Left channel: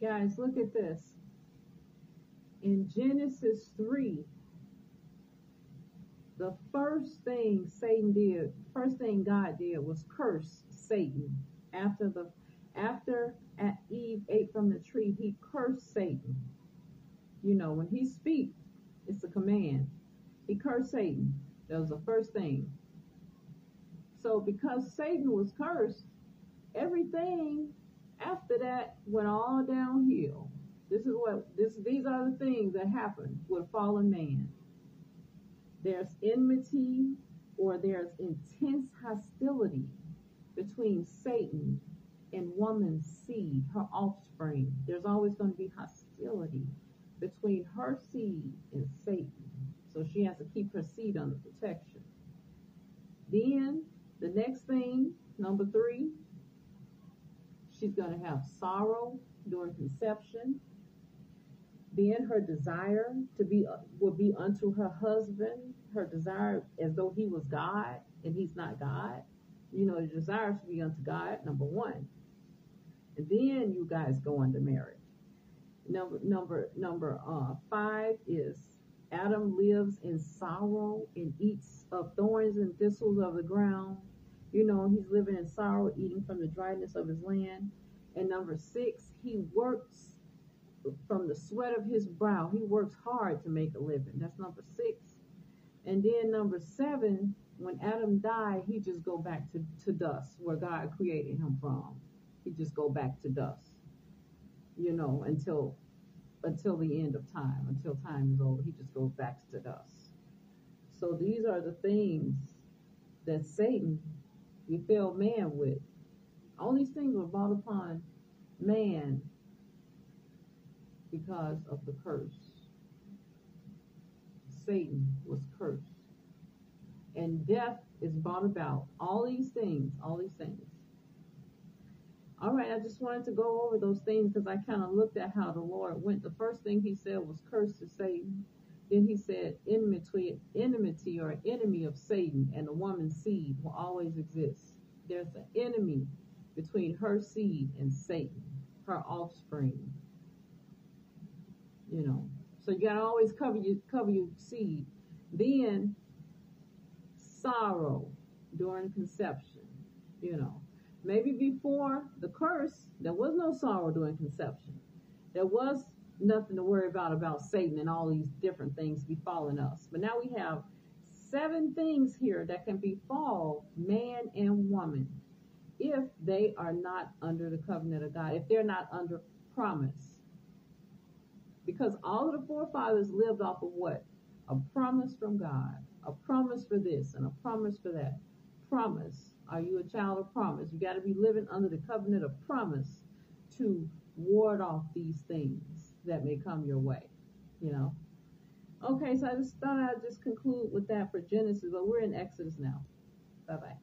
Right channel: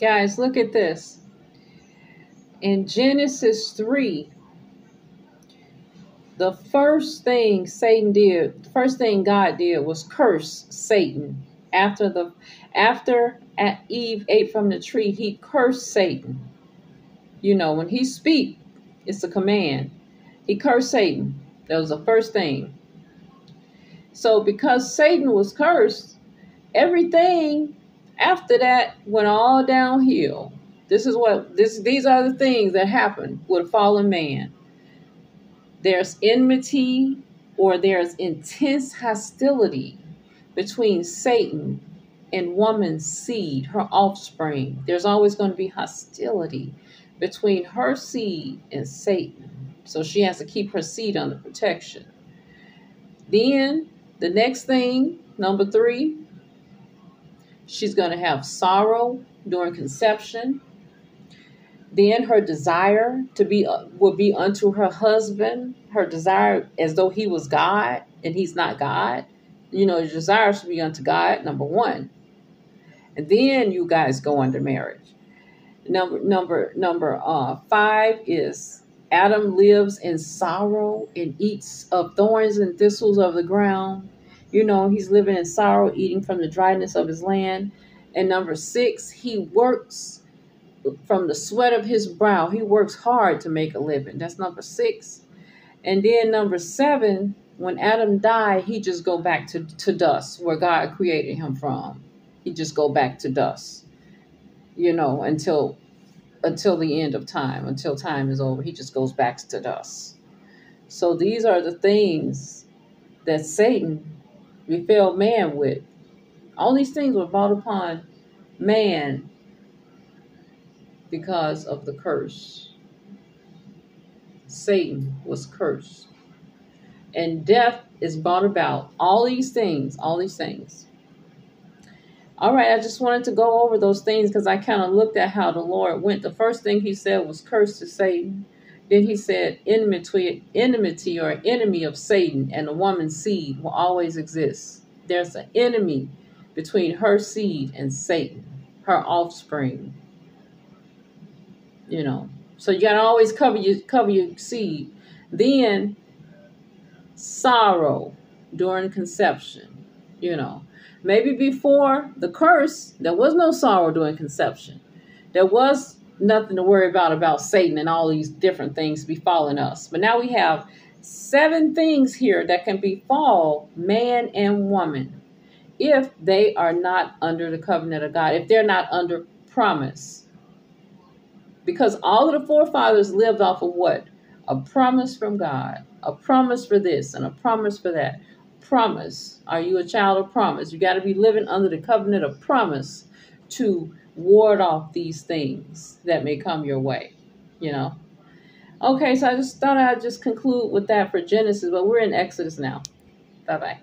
Guys, look at this. In Genesis 3, the first thing God did was curse Satan. After Eve ate from the tree, he cursed Satan. You know, when he speak, it's a command. He cursed Satan. That was the first thing. So because Satan was cursed, everything after that went all downhill. These are the things that happen with a fallen man. There's enmity, or there's intense hostility between Satan and woman's seed, her offspring. There's always going to be hostility between her seed and Satan. So she has to keep her seed under protection. Then the next thing, number 3, she's going to have sorrow during conception. Then her desire will be unto her husband. Her desire as though he was God, and he's not God. You know, your desire should be unto God, number 1. And then you guys go under marriage. Number 5 is Adam lives in sorrow and eats of thorns and thistles of the ground. You know, he's living in sorrow, eating from the dryness of his land. And number 6, he works from the sweat of his brow. He works hard to make a living. That's number 6. And then number 7, when Adam died, he just go back to dust, where God created him from. He just go back to dust, you know, until the end of time, until time is over. He just goes back to dust. So these are the things that Satan repelled man with. All these things were brought upon man because of the curse. Satan was cursed. And death is brought about. All these things. All right, I just wanted to go over those things because I kind of looked at how the Lord went. The first thing he said was curse to Satan. Then he said enmity or enemy of Satan and the woman's seed will always exist. There's an enemy between her seed and Satan, her offspring. You know, so you gotta always cover your seed. Then sorrow during conception. You know, maybe before the curse there was no sorrow during conception. There was nothing to worry about Satan and all these different things befalling us. But now we have 7 things here that can befall man and woman if they are not under the covenant of God, if they're not under promise. Because all of the forefathers lived off of what? A promise from God. A promise for this and a promise for that. Promise. Are you a child of promise? You got to be living under the covenant of promise to ward off these things that may come your way, you know. Okay, so I just thought I'd just conclude with that for Genesis, but we're in Exodus now. Bye-bye.